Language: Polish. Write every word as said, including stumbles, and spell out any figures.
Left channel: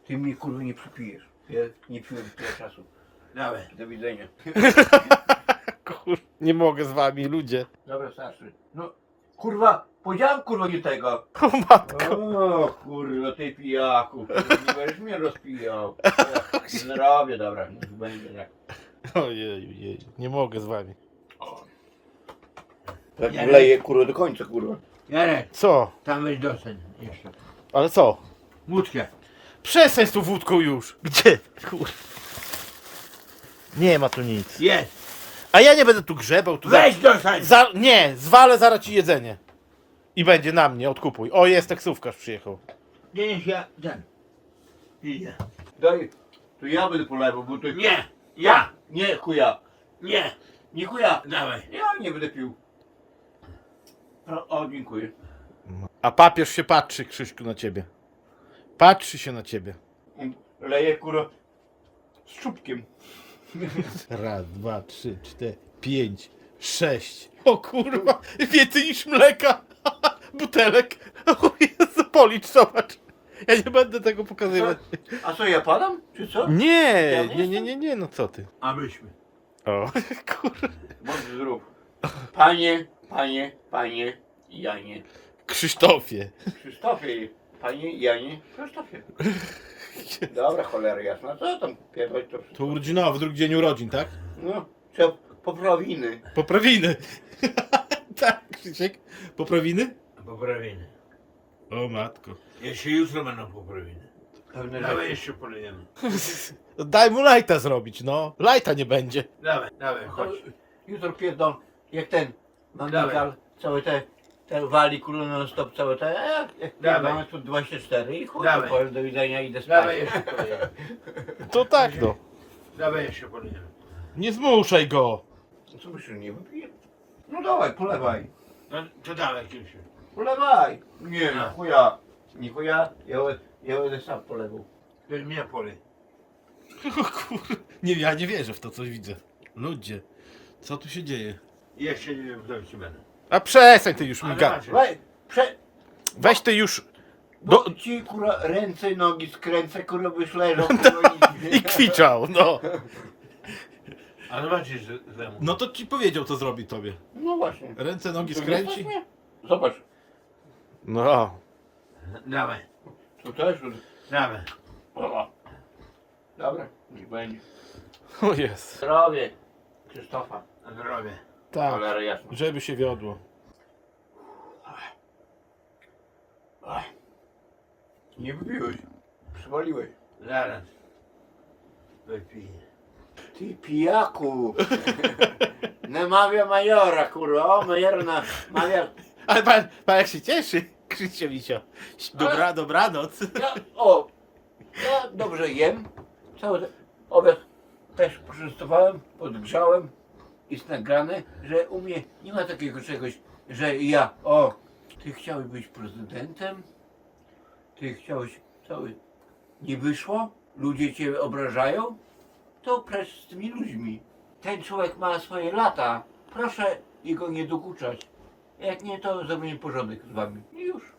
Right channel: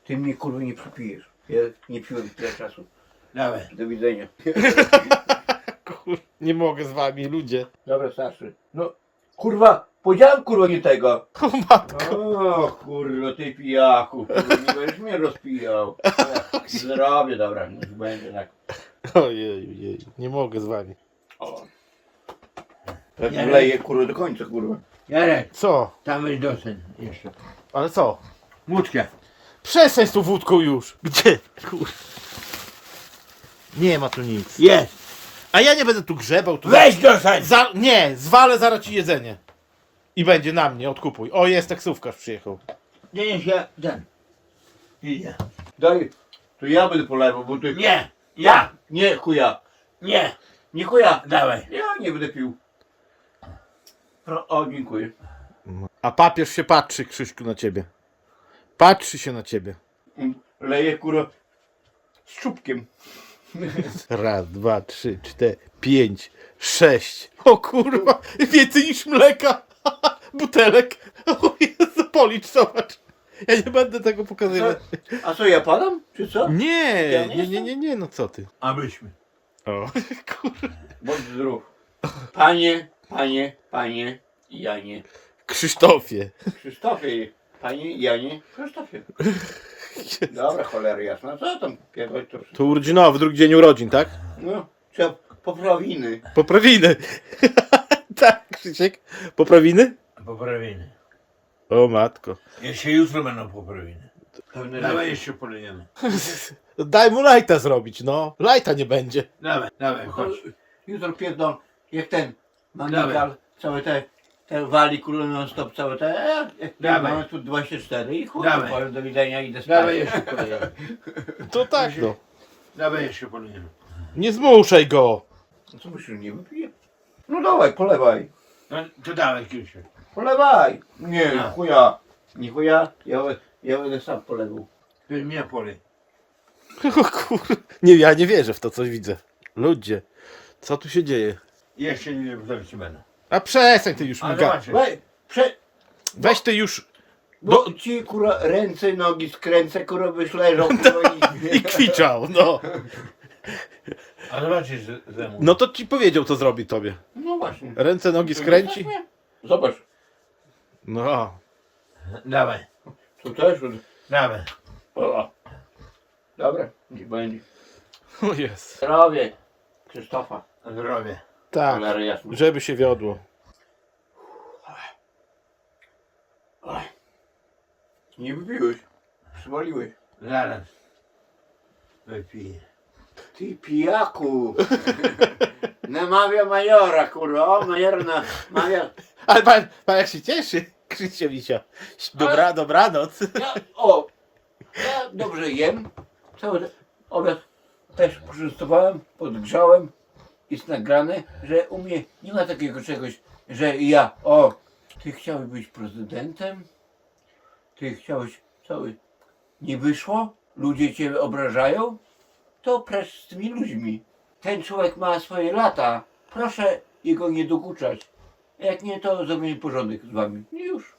Ty mnie kurwa nie przypijesz. Ja nie piłem tyle czasu. Dawaj. Do widzenia. Kur... Nie mogę z wami, ludzie. Dobra, starszy. No, kurwa, powiedziałem kurwa nie tego. O matko. O kurwa, ty pijaku. Kurwa, nie będziesz mnie rozpijał. Ech, Zrobię, dobra, niech będzie tak. Ojej, ojej, nie mogę z wami. O. Tak Ja leję kurwa do końca, kurwa. Jarek, Co? tam weź dosen jeszcze. Ale co? Łódkę. Przestań z tą wódką już. Gdzie? Kur... Nie ma tu nic. Jest. A ja nie będę tu grzebał. Tu Weź dosen. Za... Nie, zwalę zaraz ci jedzenie. I będzie na mnie, odkupuj. O, jest taksówkarz przyjechał. Nie, nie, się ten. Idzie. Daj, to ja będę polewał, bo ty... Nie, ja. Nie, chuja. Nie. Nie chuja. Dawaj. Ja nie będę pił. Pro... O, dziękuję. A papież się patrzy, Krzyśku, na ciebie. Patrzy się na ciebie. Leję kurwa z czubkiem. Raz, dwa, trzy, cztery, pięć, sześć. O kurwa, więcej niż mleka. Butelek. O Jezu, policz, zobacz. Ja nie będę tego pokazywać. A co, ja padam? Czy co? Nie, Ja nie nie, nie, nie, nie, no co ty. Abyśmy. O, kurwa. Bądź zdrów. Panie, panie, panie, Janie. Krzysztofie. Krzysztofie, panie, Janie, Krzysztofie. Dobra, cholera jasna. Co tam pierdolić to? To urodzinowy, drugi dzień urodzin, tak? No, trzeba poprawiny. Poprawiny. Tak, Krzysiek. Poprawiny? Poprawiny. O matko. Jeszcze jutro będą poprawiny. Pewne Dawaj rzeczy. jeszcze polejemy. Daj mu lajta zrobić, no. Lajta nie będzie. Dawaj, dawaj, chodź. Jutro pierdol, jak ten Dawaj. Magnikal, całe te, te wali kurwa non stop, całe te, e, jak Dawaj. mamy tu dwadzieścia cztery i chuj, Dawaj. powiem do widzenia, idę spać. Dawaj jeszcze polejemy. To tak, no. Dawaj jeszcze polejemy. Nie zmuszaj go. No co myślisz, nie wypiję? No dawaj, polewaj. No, to dawaj Krzysiu. Polewaj. Nie, A. chuja. Nie chuja, ja, ja będę sam polewał. To mnie polej. O kur... Nie, ja nie wierzę w to, coś widzę. Ludzie, co tu się dzieje? Jeszcze nie wróci będę. A przestań ty już Ale miga. zobaczysz. Weź, prze... Weź ty już Bo Do- ci kurwa ręce, nogi skręcę, kurwa byś leżał, kurwa i... i kwiczał, no. A zobaczysz ze- ze mną. No to ci powiedział, co zrobi tobie. No właśnie. Ręce, nogi skręci. Zobacz, No. Dawaj, tu też. dawaj. O. Dobra, niech będzie. O jest. Zdrowie Krzysztofa. Zdrowie. Tak, Cholera jasna. żeby się wiodło. Oj. Nie wypiłeś. Zwaliłeś. Zaraz. Wypiję. Ty pijaku. Namawia majora, kurwa. O, major namawia. Ale pan, pan jak się cieszy, Krzysia Misia. Dobra, dobranoc. Ja, o, ja dobrze jem. Cały obiad też poczęstowałem, podgrzałem. Jest nagrane, że u mnie nie ma takiego czegoś, że ja, o, ty chciałeś być prezydentem, ty chciałeś, cały, nie wyszło, ludzie cię obrażają, to precz z tymi ludźmi. Ten człowiek ma swoje lata, proszę jego nie dokuczać. Jak nie, to zrobimy porządek z wami. I już.